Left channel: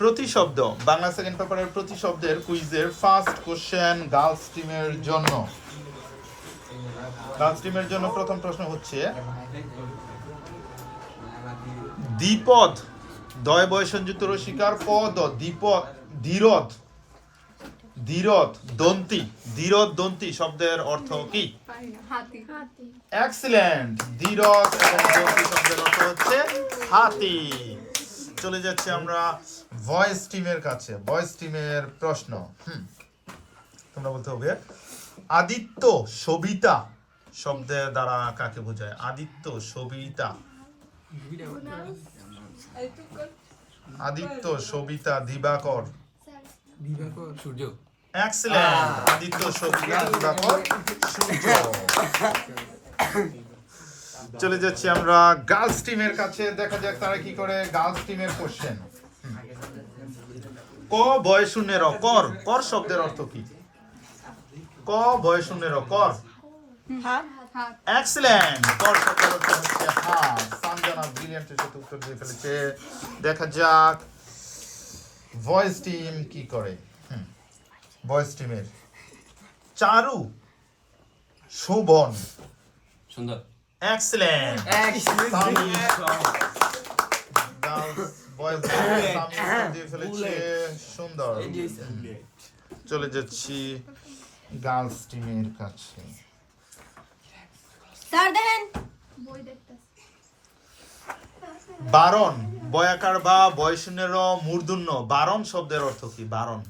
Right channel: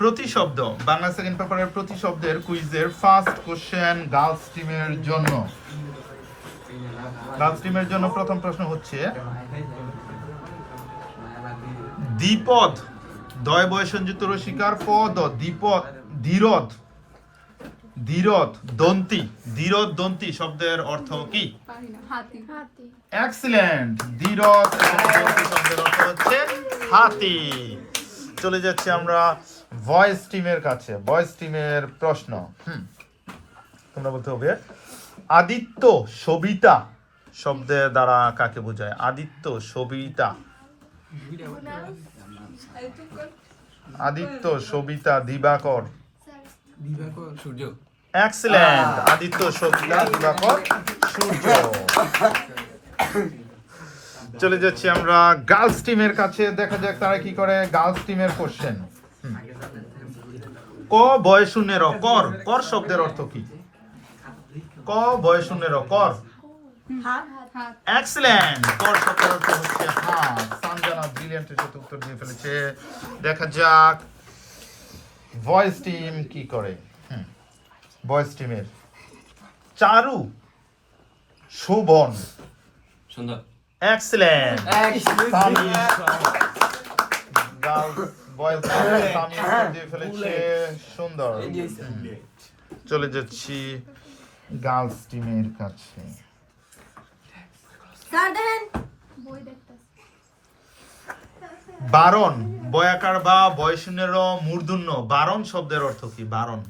প্রতিশব্দ বাংলা সেকেন্ড পেপারের প্রতিশব্দের কুইজের first question girls টিমের জন্য। গার্লস টিমের জন্য প্রথম প্রশ্ন হচ্ছে দ্বিপদ দয় বয় সংযুক্ত রসিকার পদ দ্বিপদ ধীরদ ধীরদ দন্তি ধীরদ দন্তি শব্দের অর্থ কি? হাতি। এক্সিলেন্ট। ধীরদ দন্তি শব্দের অর্থ হচ্ছে হাতি। চলে যাচ্ছে আমরা ভয়েস টিমের কাছে। ভয়েস টিমের প্রশ্ন তোমরা বলতে হবে আদিত্য সবিতা শব্দের দ্বারা কাকে বোঝায়? আদিত্য সবিতা আদিত্য সবিতা দিবাকর সূর্য। এক্সিলেন্ট। আদিত্য সবিতা দিবাকর সূর্য। চলে যাচ্ছি আমরা গার্লস টিমের কাছে। দেখা যাক তারা কি করে। গার্লস টিমের কোশ্চেন ক বয় শূন্যের কর কর শব্দের অর্থ কি? ক বয় শূন্যের কর এক্সিলেন্ট। কর শব্দের অর্থ হচ্ছে হাত। সানজানা ব্রিলিয়ান্টের সাথে উত্তর দিয়ে ফেলেছে। দেখা যাক ভয়েস টিম কি করে। ভয়েস টিমের চারু শোভন সুন্দর। Excellent. Same girls boys same উত্তর দিয়ে ফেলেছে। সুন্দর। চলে যাচ্ছি গার্লস টিমের কাছে। বারণ বয়াকার বা বয়শূন্যের মূর্ধন্য বারণ শব্দের অর্থ কি? বারণ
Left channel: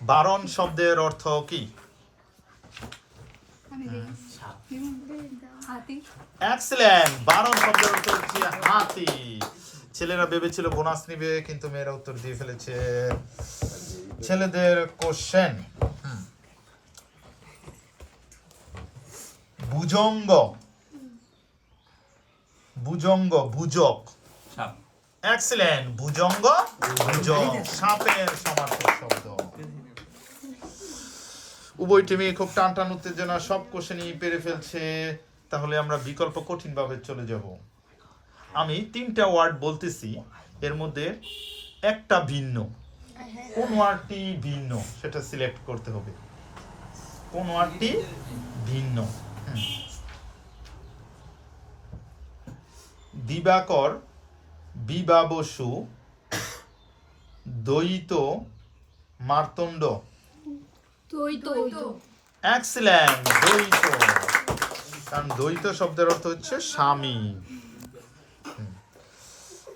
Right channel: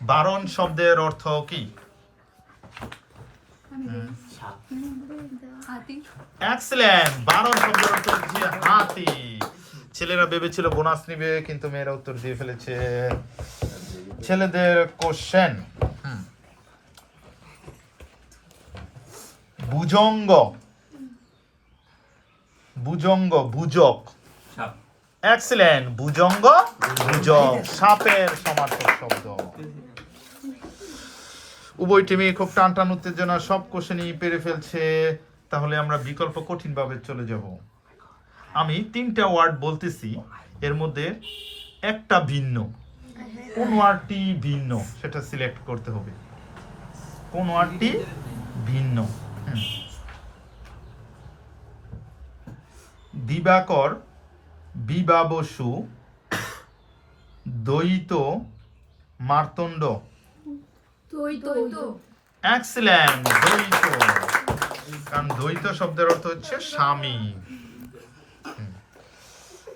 বারণ শব্দের অর্থ কি? এক্সিলেন্ট। বারণ শব্দের অর্থ হচ্ছে হাতি। ছেলেরা ভেবেছিল বোনাস নিবে কিন্তু মেয়েরা উত্তর দিয়ে ফেলেছে। ছেলেদের কোশ্চেন ভুজঙ্গ ভুজঙ্গ ভুজক এক্সিলেন্ট। ভুজঙ্গ ভুজক সাপের সমার্থক শব্দ। উভয় টিমই খুব টান টান উত্তেজনা সব কোশ্চেনই পেরে ফেলছে। তাহলে আমরা বিকল্প কঠিন ভাবে চলে যাব। আমি 3টা ওয়ার্ড বলতেছি, এর মধ্যে একটা ভিন্ন। কোন ওয়ার্ডটি ভিন্ন সেটা সিলেক্ট করতে হবে। কোন ওয়ার্ডটি ভিন্ন? দিবাকর বিবাবসু দ্বৈত মার্তণ্ড এক্সিলেন্ট। দ্বৈত কারণ দ্বৈত শব্দের অর্থ হচ্ছে স্বামী।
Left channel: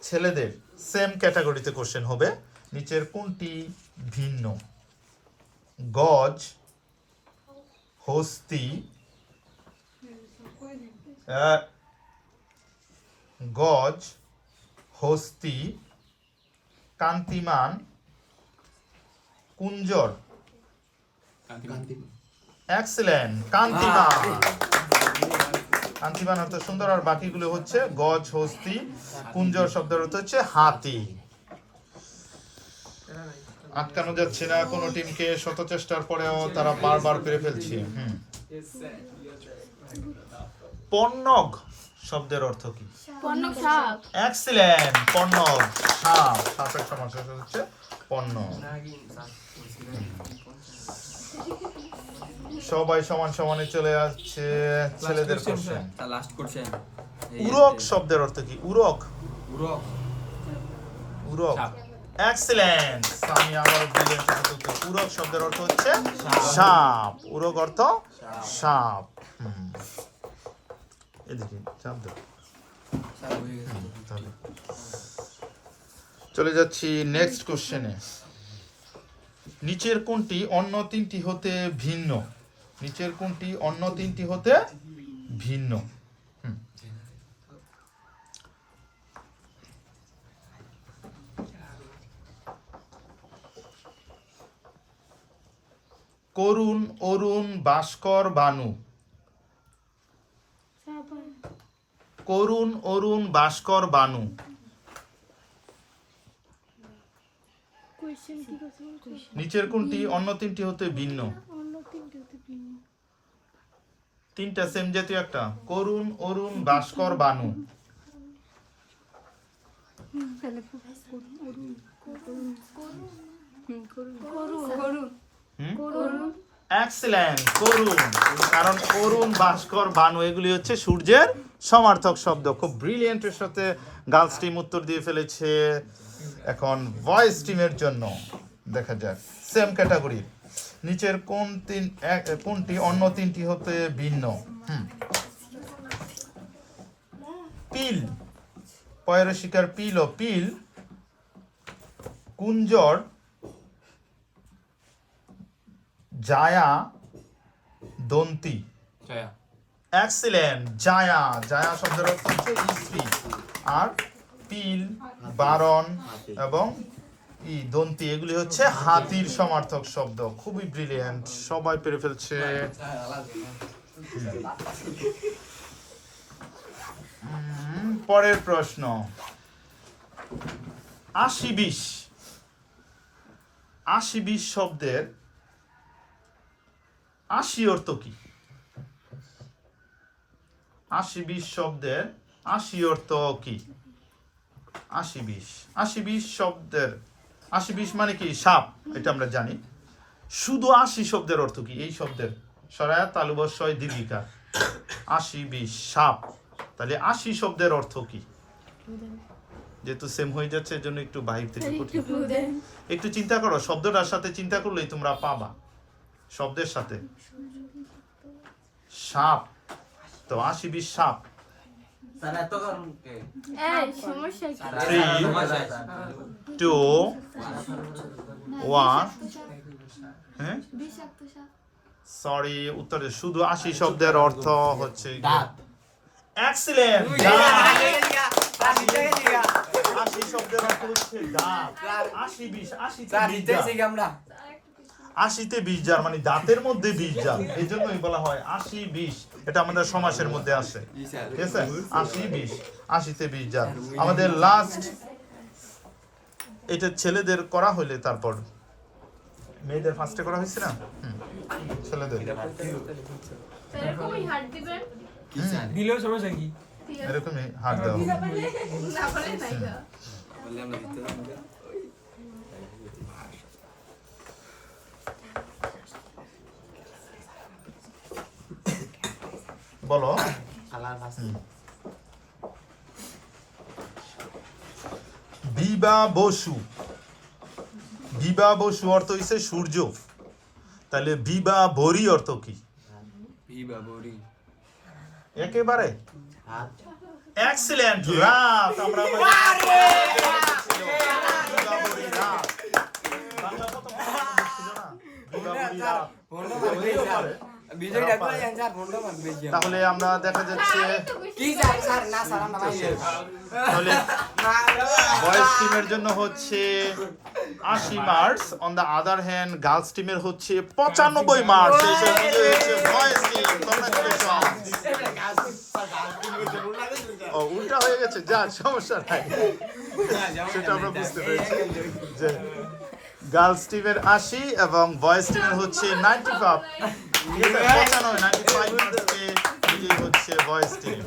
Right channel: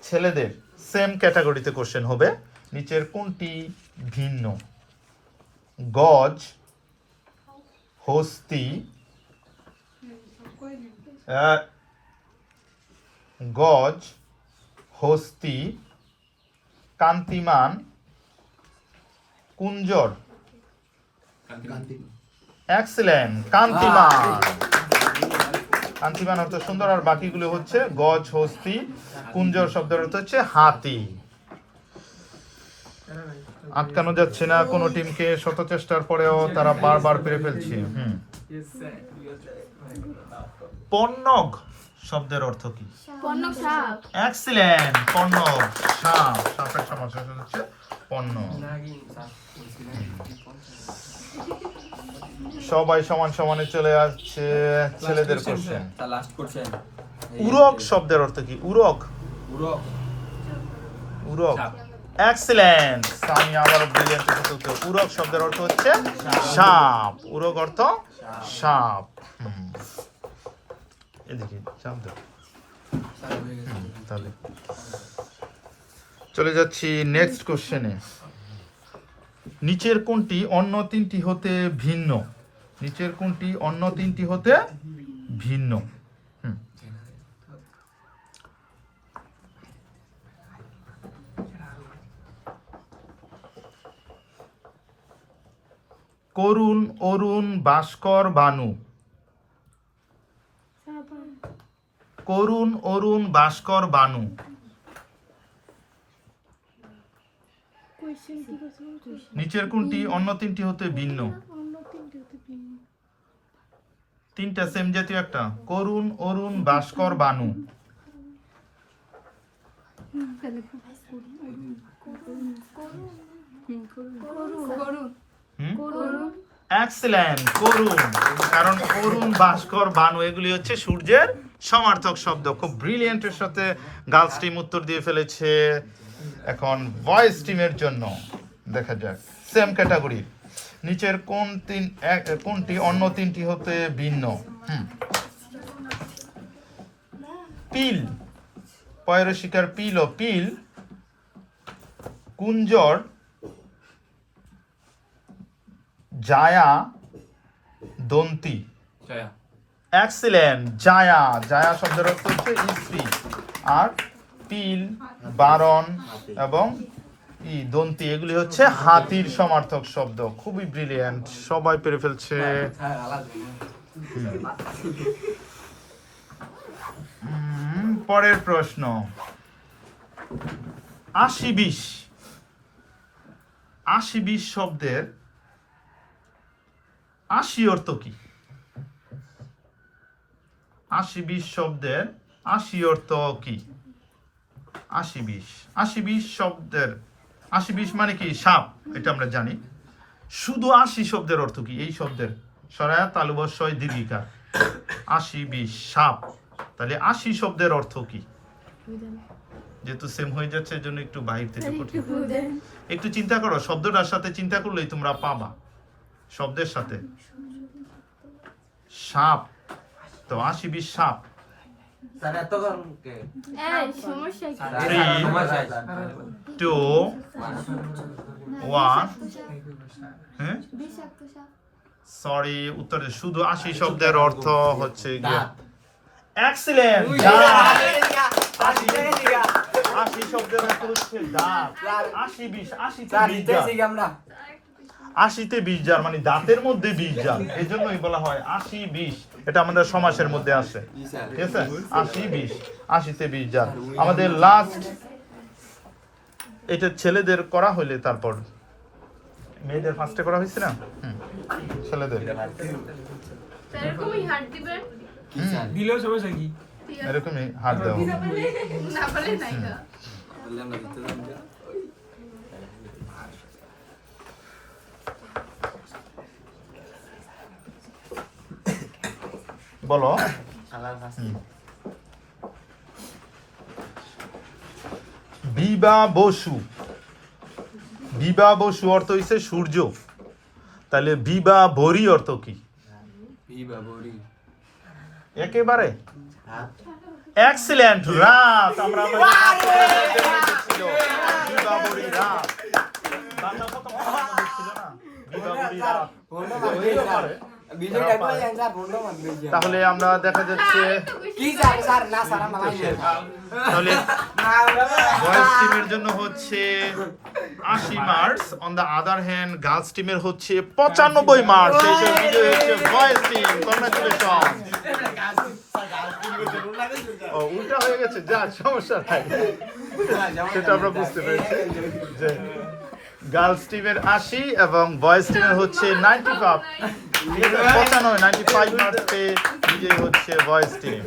ছেলেদের সেম ক্যাটাগরিতে কোশ্চেন হবে। নিচের কোনটি ভিন্ন? গজ হস্তি গজ হস্তি কান্তিমান কুঞ্জর এক্সিলেন্ট। কান্তিমান কান্তিমান অর্থ সুন্দর আর বাকিগুলো হচ্ছে গজ হস্তি কুঞ্জর শব্দের অর্থ হচ্ছে হাতি। আটকানো যাচ্ছে না কোনো টিমকে। শত চেষ্টার পরেও তারা বারবার পেরে ফেলছে। পন্নগ শব্দের অর্থ কি? এক্সিলেন্ট। পন্নগ সাপ। সাপের সমার্থক হচ্ছে পন্নগ। সবাই সমান সমানে চলে আসছে। ছেলেদের কোশ্চেন উরক শব্দের অর্থ কি? উরক উরক এক্সিলেন্ট। আমি আবার ব্রিলিয়ান্ট উত্তর। উরক শব্দের অর্থ হচ্ছে সাপ। উরক অর্থ সাপ। এদিকে চাপ দাও। তাহলে চলে যাচ্ছি নেক্সট কোশ্চেনে। নিচের কোনটি অন্য 3টি হতে ভিন্ন? নিচের কোনটি অন্য 3টি হতে ভিন্ন? করুণ অরুণ ভাস্কর বানু। করুণ অরুণ ভাস্কর বানু নিচের কোনটি অন্য 3টি হতে ভিন্ন? তিনটা সেম জাতীয় একটা করুণ, অরুণ, ভাস্কর, বানু। এক্সেলেন্ট, করুণ। কারণ অরুণ, ভাস্কর, বানু এগুলি হচ্ছে সূর্যের সমার্থক শব্দ। খুব ব্রিলিয়েন্টের সাথে গার্লস টিম উত্তর দিয়ে ফেলেছে। এখন ভয়েস টিমের জন্য দেখা যাক সেম ক্যাটাগরি নিচের কোনটি অন্য তিনটি হতে ভিন্ন? পিল, পয়ের শিকার পিল ও পিল, কুঞ্জর, জায়া, দন্তি। ছায়া। এক্সিলেন্ট, জায়া। জায়া শব্দের অর্থ হচ্ছে স্ত্রী। আর পিল, বারণ এবং দন্তি এগুলি হচ্ছে হাতির সমার্থক শব্দ। খুবই ব্রিলিয়েন্ট, সবাই পেরে ফেলছে। পরের প্রশ্ন ৮০-২০। ৮০-২০ শব্দের ৮০ অর্থ কি? ৮০-২০ শব্দের ৮০ অর্থ কি? ৮০-২০। ৮০-২০ শব্দের ৮০-২০ মানে কি? সাপ, এটা আমরা জানি। শুধু ৮০ শব্দের অর্থ কি? এই শব্দের সরায়া তালুবস্যয় দীর্ঘিকার ৮০-২০ সাপ। তাহলে ৮০ শব্দের অর্থ কি? যেহেতু সেম হয়ে যাচ্ছে এর জন্য একটু বাহির থেকে একটু চিন্তা করো, শব্দটার সাথে চিন্তা করলেই তোমরা পাবা। শব্দের সাথে সাপ, তো ৮০-২০ সাপ। স্যার এত গরম কে? এই সমস্যা কি? 3, 2, 1। হ্যাঁ, বিষাক্ত সাপ। সরি, উত্তরে শুধু ৮০ শব্দের অর্থ হচ্ছে দাঁত। এক্সিলেন্ট, দাঁত। ৮০ শব্দের অর্থ হচ্ছে দাঁত। ৮০-২০, 80তে 20 আমরা ৮০তে 20 জার মানে দাঁতের মধ্যে 20 জার, এই জন্যই বলা হয় ৮০-২০। এটা আমাদের সমাসের মধ্যে আসে, ঠিক আছে? ৮০-২০, 80তে 20 জার। আমাদের লাস্ট এটা ছেলেদের করা হইলে তারপর মেয়েদের ফার্স্টে করা হয়েছে না? ছেলেদের এরকমই হাত দিবেন। দিলেও সমস্যা কি? এরকমই হাত দেওয়া হবে। না বলে নাই গো। বললাম না দিতে দাও। বলো। শালার ফাস্ট বিবা বসু। বিবা বসু অর্থ হইছে সূর্য। তাহলে বিবা বরি অর্থ কি? বিবা বরি। একেবারে হাত এক্সিলেন্ট, রাত। আমরা বিবা বরি রাত। বাংলা প্রথম ছিল না বিবা বরি রাত। হইতেও পারে। বিজয়টা কই স্যার বন্ধ মত বেজি। তাহলে আমরা দেখা যাচ্ছে কি স্যার স্যার না স্যার না তাহলে বয়েজ টিমের জন্য হচ্ছে ৮০ marks, on the other hand girls টিমের হচ্ছে ৯৫ মার্কস। এই হিসেবে বিজয়ী হচ্ছে বয়েজ টিম। কংগ্রাচুলেশন। ও উল্টা হয়ে গেছে, যা সমস্যা নাই, সেটা আমরা বুঝতে পেরেছি যে গার্লস টিমের ৮০ এবং বয়েজ টিমের হচ্ছে ৯৫ মার্কস পেয়ে বিজয়ী হচ্ছে বয়েজ টিম।